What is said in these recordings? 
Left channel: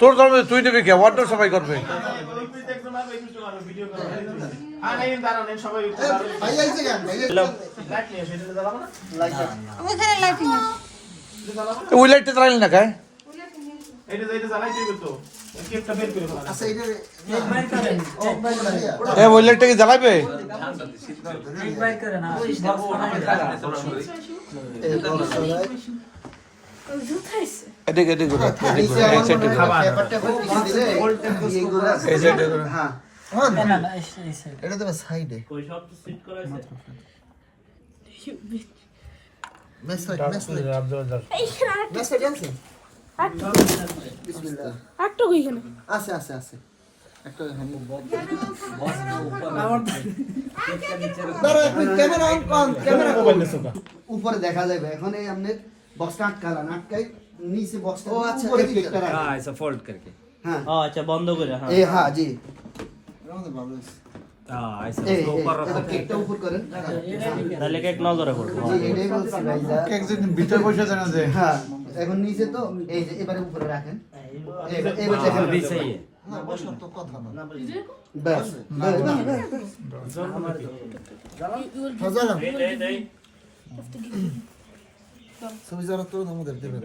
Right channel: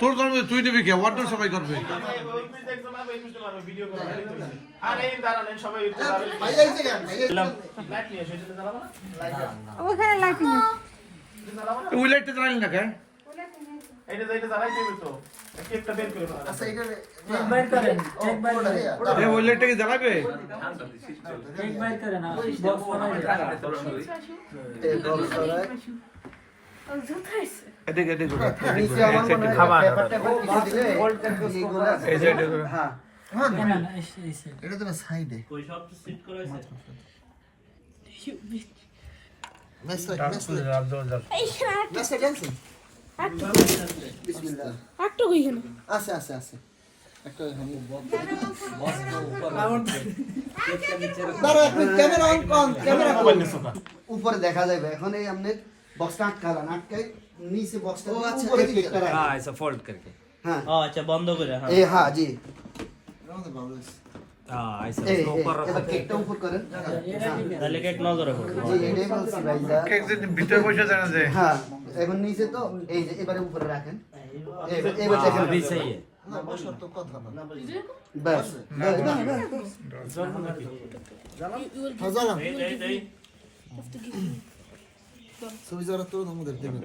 তোর ধর্ম তুই নেবি কে অন্য সবাই করবে ওখানে লাইটিং ওই লাইটটা জ্বালালি না খায় ওই লাইটটা কি জ্বালাবে এদিকে এদিকে এই সাইডে এই সাইডে এটা তো সাইডে মেসলাইট আছে একটা কইখানে আছে একটা ক্যামেরা অন ক্যামেরা উপরে দেখা যাবে এখন এই हमने বক্সটা আটকালা আটকাই নিচে বক্সটা উপরে কেকটা রাখা हां ऐसा फोल्ड करके हां अच्छा बंद করে हां ए हां जी हां ऐसा ऊपर रखो केकটা উপর করেন তাহলে কেক নজরে পড়বে জি এটাই বলছি ভাইয়া কেক যদি ভিতরে বসে দেন যে হ্যাঁ এখন নিচে তো এই যে এবারে উপরে রাখেন এবারে দেখেন भी सही है না বসার তো কথা না বাস হাজার সবই যারা তো আমাদের দেবেন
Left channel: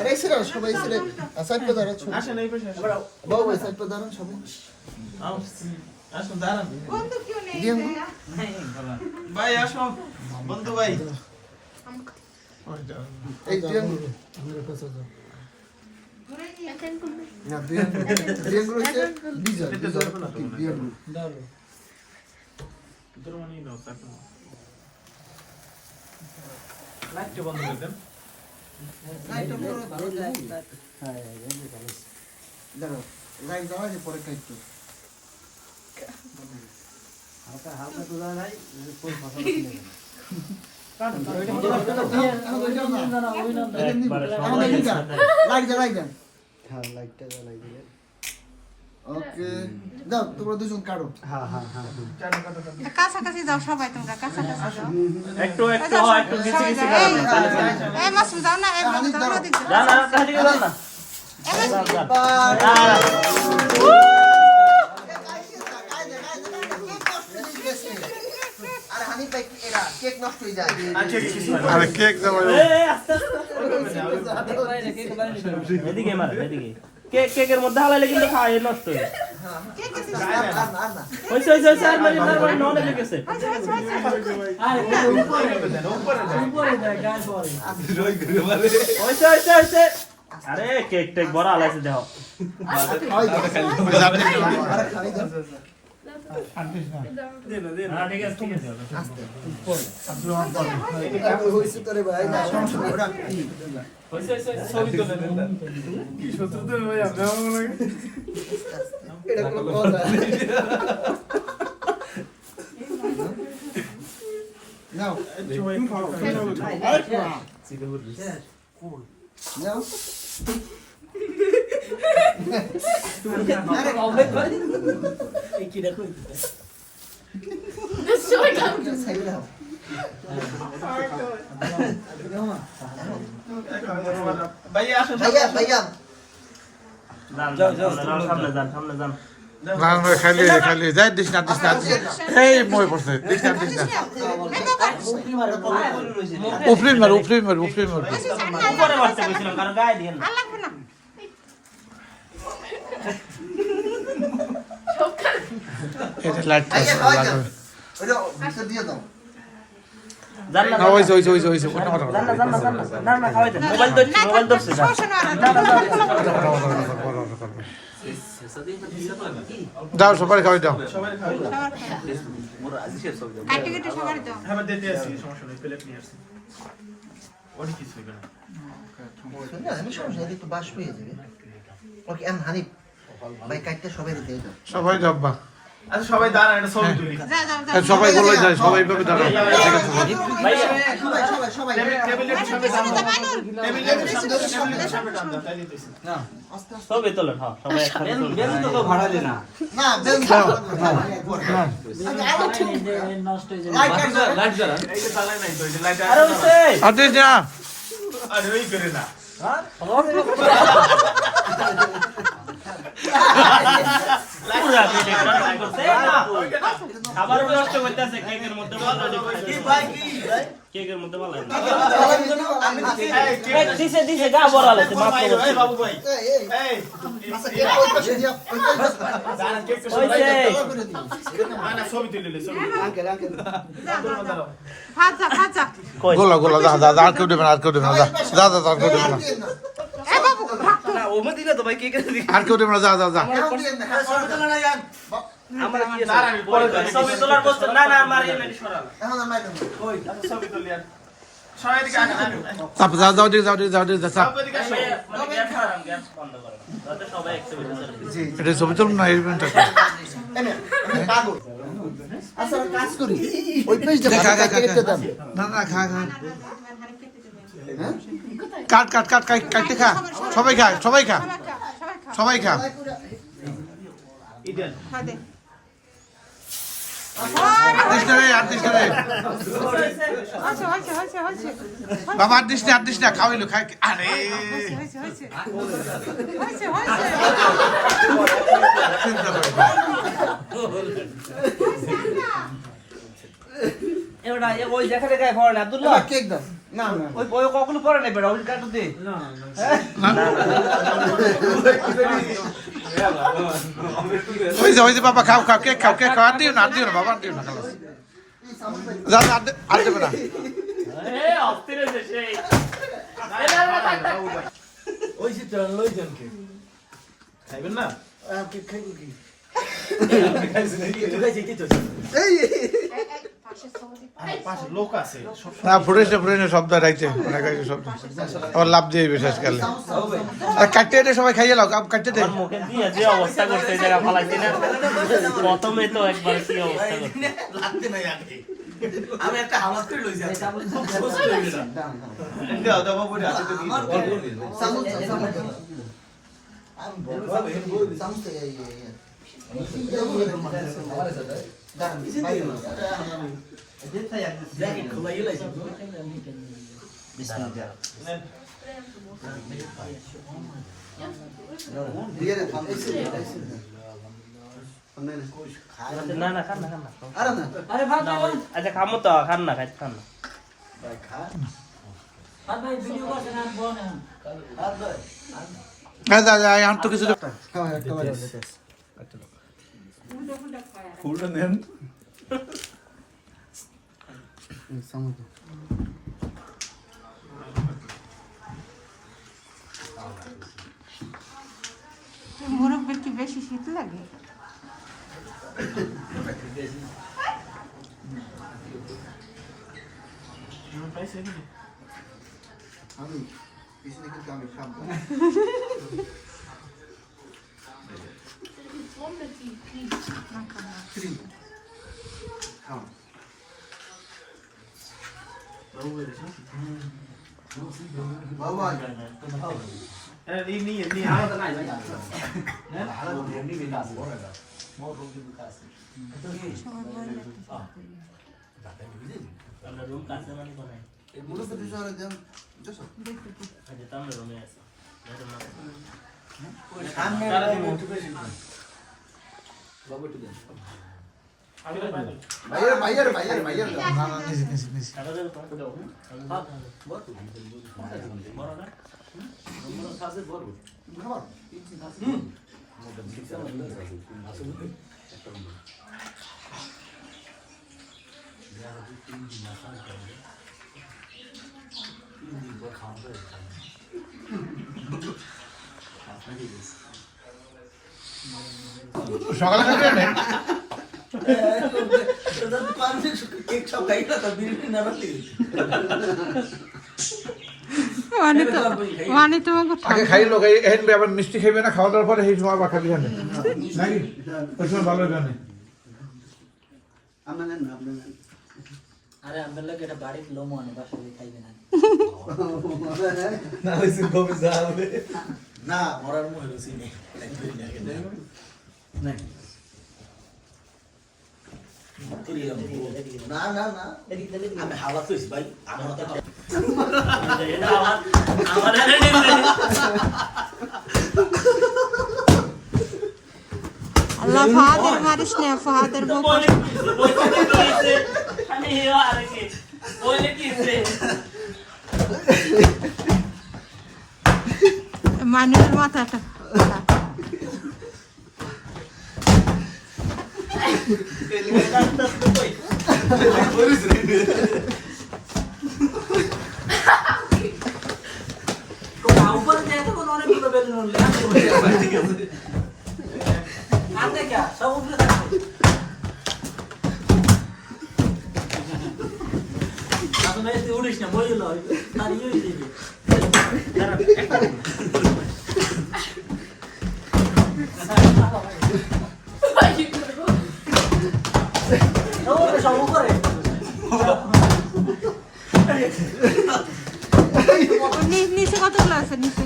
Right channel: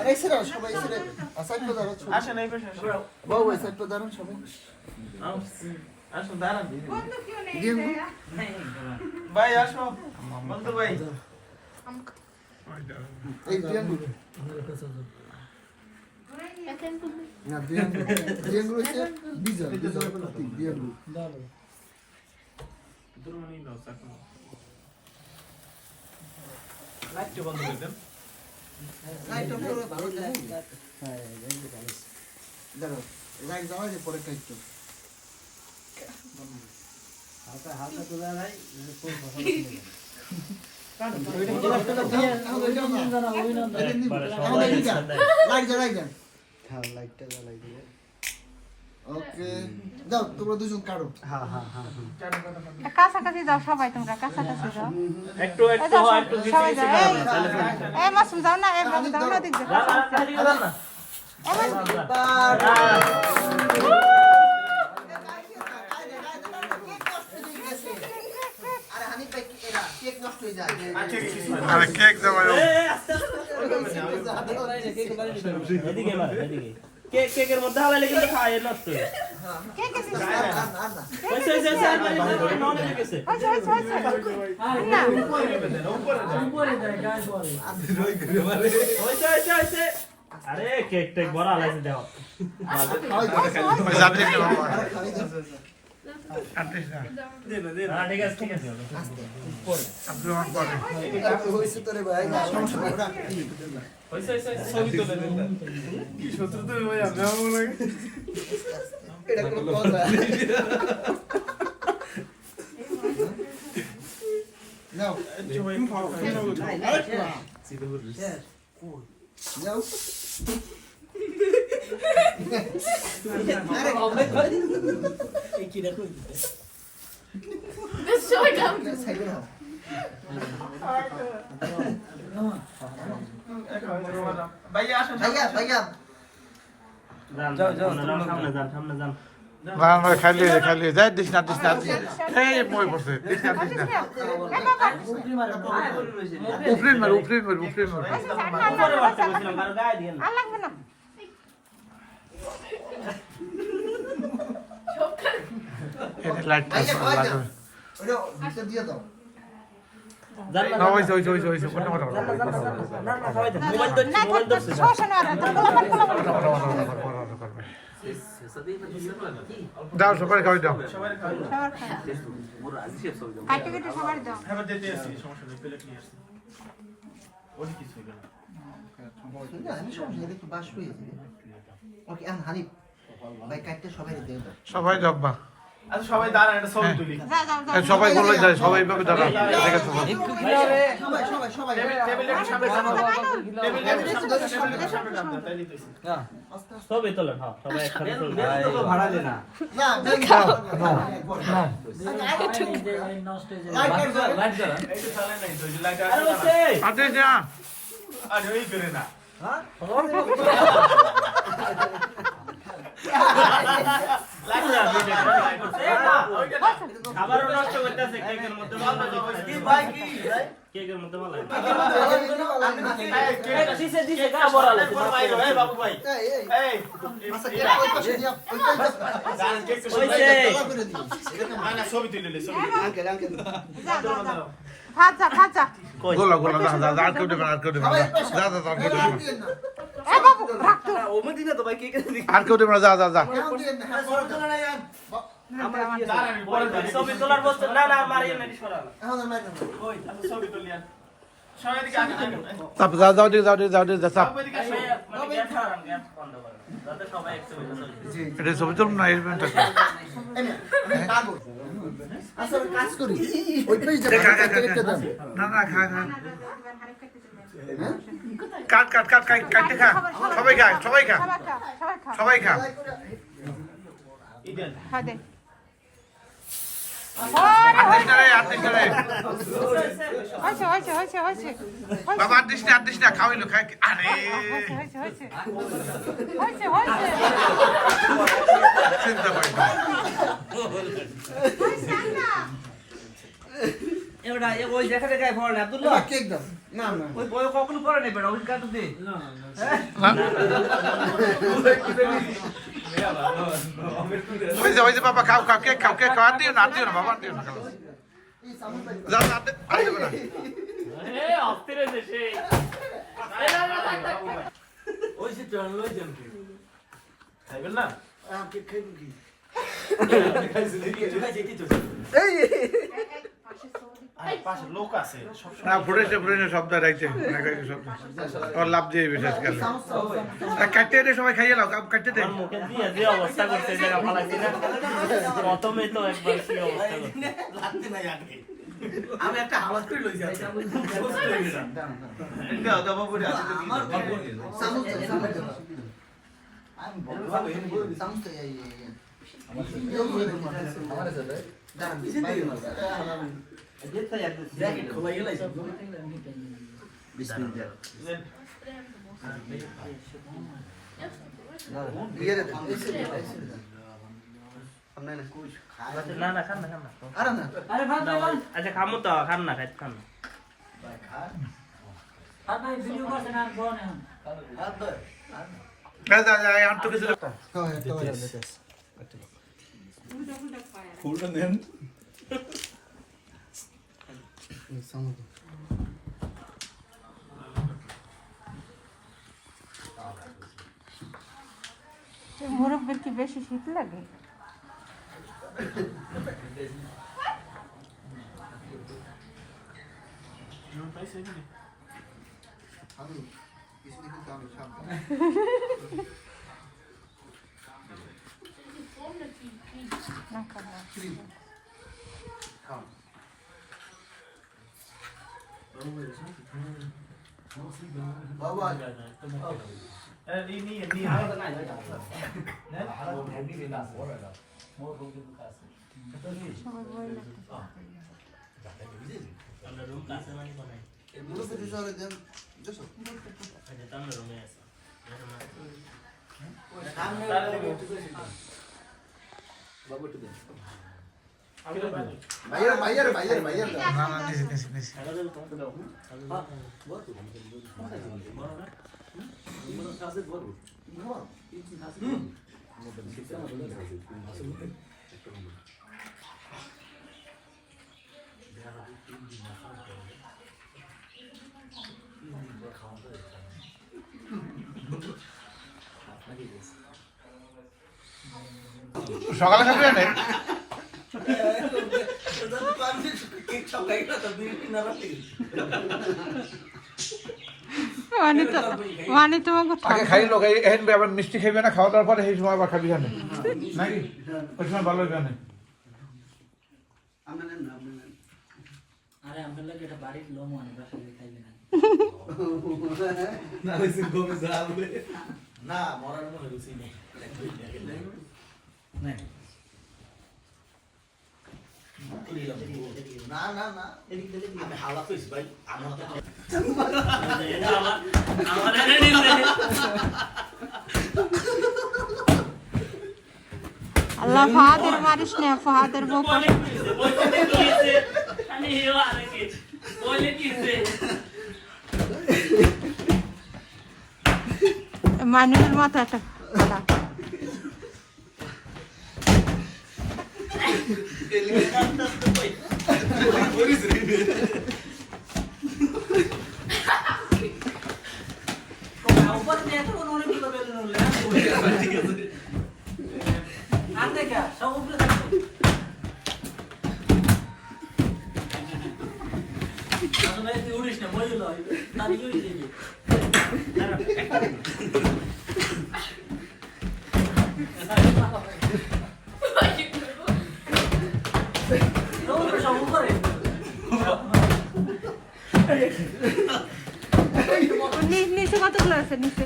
আরে সেরা সবাই সেরা আসাদ তো দাঁড়াও আসেন এই পাশে বাবু আসাদ তো দাঁড়ান সবাই আসুন দাঁড়ান বন্ধু কেউ নেই ভাই আসো বন্ধু ভাই এই দিয়াঙ্গু না দিয়াঙ্গু হচ্ছে ডিজাল দিয়াঙ্গু লাইট বন্ধ করে দেন লাইট অফ করো হ্যাঁ দাঁড়াও লাইট দাও যে পরে কাটতো হালকা তোলা নাই কোন কথা ওকে দাও তোমরা দুজন কাটো হ্যাঁ হ্যাঁ হ্যাঁ কাছাকাছি যাও সবাই তোমরা কাছাকাছি যাও একটু একটু নিচে নিচে এই মাসুম যাও না এই মাসুম যাও না দেখো না না এদিকে যান না আরে হানি ভাই কেক নষ্ট হয়ে যায় আরে কেক দেবো এদিকে মার এদিকে কেকের মধ্যে হালাইলে কিন্তু খায় নষ্ট হয়ে ওই ওই ওই আর মানে নড়ে গেছে আরে উপরে দেয় গায় পড়ে রই করে মারে ওই ওই আরে কেক টেক বড় আলাইছে দাও ঠিক আছে তোরে ভাই সমস্যা ওরা ছবি তুলে নেন কি শত্রু তো ভাই আপনি আমাকে লাগে এটা কোন কথা নাও সবাই খাও নাও আরে এই কি দেখো সবাই খাও সাইকেল নাও ভাইয়া আসুন ভাইয়া যাও যাও সামনে যান না না খালি খালি যাই দিস না এই মই পড়ছে দিস না উপরিন মার উপরে মারতে কইছিলাম কারণ গায়ে দিয়েন আর লাগবে না এটা লাইটটা লাগাবে ওটা ভিতর দিয়ে দাও জান না না ওইছে কোন কথা না খাওয়াই দেন মোবাইল ধরছি সমস্যা না করবে দাও সবাই খাওয়াই দাও অ্যাক্টিভিটি সবার দাও হ্যাঁ দিতে আসি সমস্যা নেই প্লেট নিয়ে আসি ওই কিছু হবে না আমি সমস্যা একটু বাস হয়ে যাবে ওকে এখন হানি ভাই কাটতে সবাই দিয়ে দাও সবাই যাব্বা আচ্ছা সবাই দাঁড়ান একটা ছবি তুলি যাও সবাই বলে যায় সবাই ভাবে দাঁড়া ঠিক আছে সবাই সবাই টেবিলের মানুর সামনে পিছনে যা মানুর টেবিলের সামনে টান দাও, তাই দিতেছি। ছবি তোলেন হ্যাঁ সবাই একসাথে তুলুন। না বেল এই যে চালায় নাই তো, এই যে লাইট আরে হইছে আর দিস না আরে ওই করে না। পুরা ভিডিও করা করছে না খাবারও নষ্ট করতেছে কেকের মধ্যে ভালো কি ভাই কি কেকের মধ্যে ভালো এই, কে- দিছে দিছে গা বলা লাগছে মাফ এই, করে এই, বাবু ভাই। এই, আচ্ছা কে কই পাশে দিয়া দাঁড়ান, কেকটা হইছে। না, না, ছবি তুলে নে, ছবি তুলে নে। আঙ্কেল দাঁড়াও, দাঁড়াও। ভাজা ভাজা গোলা গোলা যা যা যা, আর কেউ দেবে না, আর কেউ দেবে না, যা যা যা, আর কেউ দেবে না, আর কেউ দেবে না, যা যা যা। দাঁড়ান, আমি পরে ছবি ছবি তোলার বস্তু না না মারিয়ে মেরে সরালা এখন আমি আচ্ছা, ছবি তুলি আর। সবাই এদিকে আসেন, আসেন। চাপ, যাও যাও দিকে, যাও দিকে, যাও দিকে, যা চাপ। সবাই এদিকে আসো। মানে গ্যাস করাম গ্যাস বন্ধ করো যাতে সবাই একসাথে চলে এটা ছবি তুলুন না, এই ইভেন্টটা আমি পাগল আচ্ছা কাজ করি ওই পেজ দেখা কেটে দাও না না, খা খা, কাট কাট কাট কাট, কাটতে খা, সবাই খা, সবাই খা, সবাই খা। ইডেন। খাদে আর দিস না রে, আর দিস না রে, হইছে হইছে হইছে হইছে বাবা আর দিস না, আর দিস না, খাওয়াইলো, খাই, আরে হইছে হইছে হইছে হইছে চিন্তা করি না। এবারে ওই দেখা দেখায় ভর না আব্দুল্লাহ কেক দাও না না ওই ওই কখনো করে নাই বেটা ওই কাটু দে হয়েছে হয়েছে বাবা, খাও খাও, কেক খাও, কেক খাও, আর দিও না, আর দিও না বাবা, আর দিও না, খাও যা যা, আর দেবে না। এ অস্থির হইছে সেই এ না না থাক থাক ওই যে চল, ওই জনকে। খাইবেন না? কেক খাইবো কি আরে, পাশে লোক আছে। না ফুটেস না, ফুটেস না, শব্দ রাখছে, রাখছে শব্দ, আবার লাভ দিয়ে বিশেষ কালে। আর কাটতে দে, সবাই খাইয়ে লাও, কাটতে দে। মুখে দিয়ে যে অবস্থা করতে জায়গা ফালাইছি না প্রথমে তো একবার কি অবস্থা করতে আমি একটা হাওলাত করে লইছি আচ্ছা দাও, দাও, বাবু, দাও। সামুল আমি বলবো সামুল কে এই না না খান না খান না আরে না আরে ভাত দাও আচ্ছা খামো তো খান না খান না ভাত ভাই ভিডিও করছেন আর বড় না হ্যাঁ যা যা, আর তো কিছু দে। হ্যাঁ একেবারে ফুলটা নেন। সামুল মুরব্বির কি বেশি শীত লাগে আমি পিছনে কিন্তু আমি সামনে বাবা এই নিয়ে, নিয়ে। আমরা রুম কাছে না কোনে মুলো তো শহরে দেন দেখো আচ্ছা তাহলে রুমে আছে ভাইয়ের না না, নিস, নিস, নিস। টাকা দেব তো দাও সকালে খাবে না? কেক সব খাই না তো বিরিয়ানি না রাখলি মানে তোমাকে আগে খাই লোক, এই হেন আবার মিষ্টি খাইবে না, খাওয়া দাওয়ার পরে সেই সময় আবার খাবি জানে নাকি, ওই সময় ভালো হবে না। আমরা না আরে আমাদের লাগে এটা বাড়ির লোমো আনে বাসায় খাইবে না না হইছে কবে যাবে না মরার মুখে রুচি নেই না না না আমি হাওলা কইছি ভাই আমার আল্লাহ ফাহাদের মারিস না ফাহাদের বউ মানুষের মাথাটা ফাটা। উড়িস না বই তার ইয়ে দিবি নিচে কতগুলো আছে নিচে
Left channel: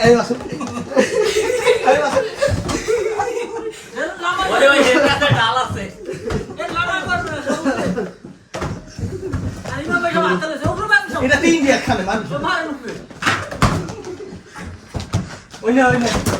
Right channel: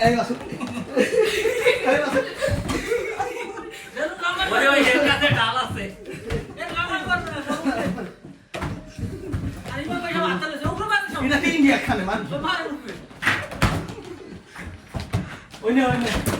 এই আসো এটা তিন দিয়ে খাবে মানুষ ওই না